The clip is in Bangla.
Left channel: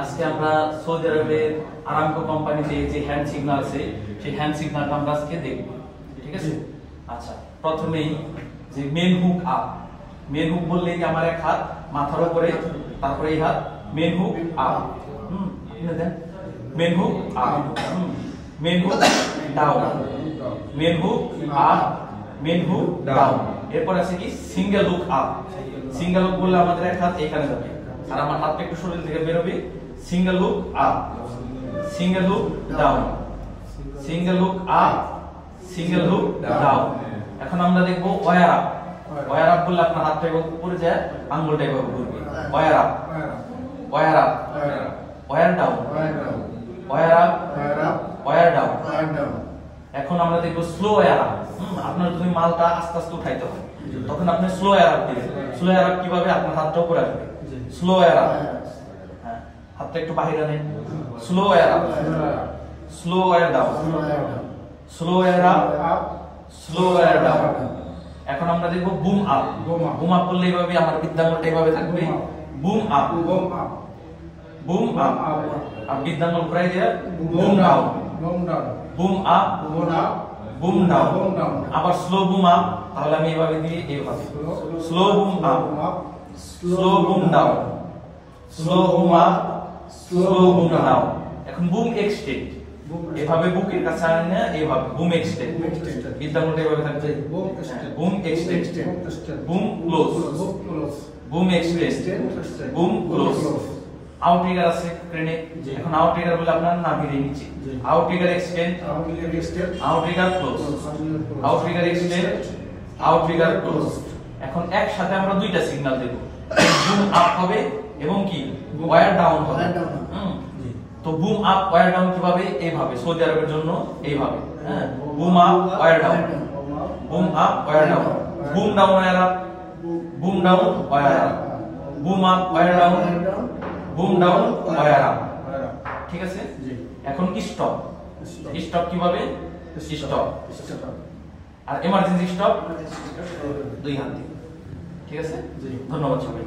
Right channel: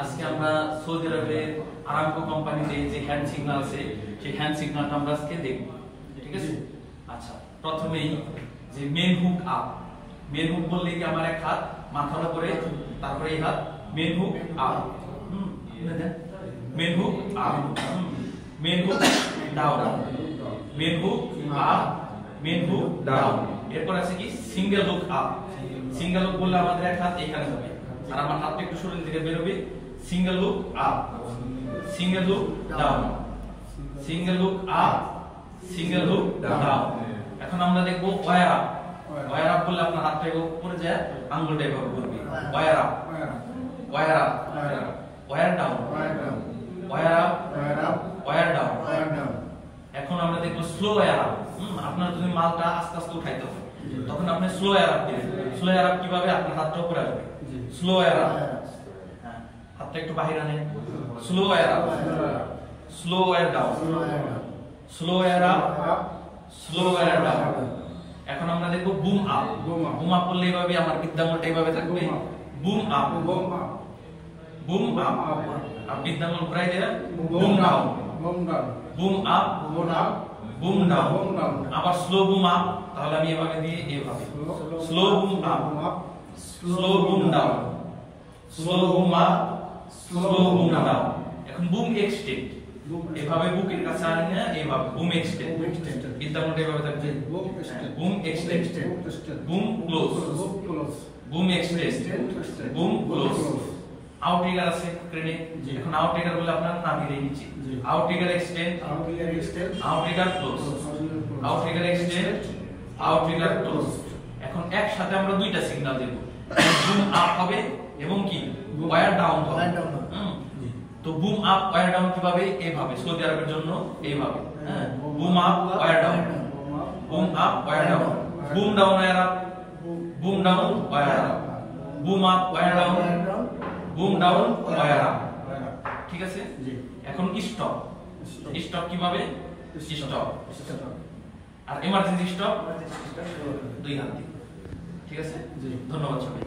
আজকে আমরা সৌদি আরবের আরামকো কোম্পানিতে যে হ্যান্ড সিগন্যাল আছে সেই হ্যান্ড সিগন্যালটা আমরা আজকে দেখব। ঠিক আছে? আচ্ছা, প্রথমেই যে main hook up. Main hook বললে কি আমার এক হাত মাথার উপরে, তারপরে এই হাত main hook up. Main hook up, main hook down, main hook up, main hook down. এরপর আছে কি single hook up. Single hook বললে আমাদের এক হাত এখানে যাবে আর আমার হাতটা একটু শরীর থেকে বের হবে। Single hook up, single hook down, single hook up, single hook down. এখন আমরা দেখবো ওয়্যার আপ। ওয়্যার আপ বললে আপনার হাতটা এভাবে উপরে যায়, আঙ্গুলটা এভাবে ঘুরবে। Wire up, wire up, wire down, wire up, wire down. এখন আমরা দেখবো স্লো ওয়্যার আপ। আপনার যদি মালটা আস্তে আস্তে উঠাইতে হয় তখন আপনি স্লো ওয়্যার আপ দিবেন। স্লো ওয়্যার আপ কিভাবে? আপনার হাতটা উপরে আসবে। স্লো ওয়্যার আপ, হাতটা একটু বাহিরে আনেন। Slow wire up, slow wire down, slow wire up, slow wire down. এখন আমরা দেখবো বুম আপ। বুম আপ বললে এইভাবে আমার বৃদ্ধাঙ্গুলটা এইভাবে থাকবে। বুম আপ, বুম আপ, আর বৃদ্ধাঙ্গুল ঘুরাই দিয়ে broom down, boom up, boom down. আবার স্লো বুম আপ, তাহলে আমি এইভাবে দিয়ে এইভাবে slow broom up, slow broom down, slow broom up, slow broom down. এখন বুম এক্সটেন্ড, এভাবে বুকের কাছে আনে, এইভাবে বুম এক্সটেন্ড। বৃদ্ধাঙ্গুলটা এইভাবে থাকবে। Broom extend, broom close, broom extend, broom close. Outrigger আছে ক্রেনে। এখন আউটরিগার বলে আপনার নাভির নিচে। Outrigger extend, outrigger close, outrigger extend, outrigger close. এখন একসাথে আমরা দুইটা সিগন্যাল দেব। বুম আপ হবে এবং কি ওয়্যার ডাউন হবে। তো বুম আপ ওয়্যার ডাউন কিভাবে? এইভাবে, সৌদি আরবের জন্য এইভাবে। Boom up wire down, boom up wire down, boom down wire up, boom down wire up, boom up wire down, boom down wire up. ঠিক আছে? এখন কি স্টপ? স্টপ কিভাবে? স্টপ আর এমার্জেন্সি স্টপ দুই হাত দিয়ে। ঠিক আছে? ধন্যবাদ সবাই।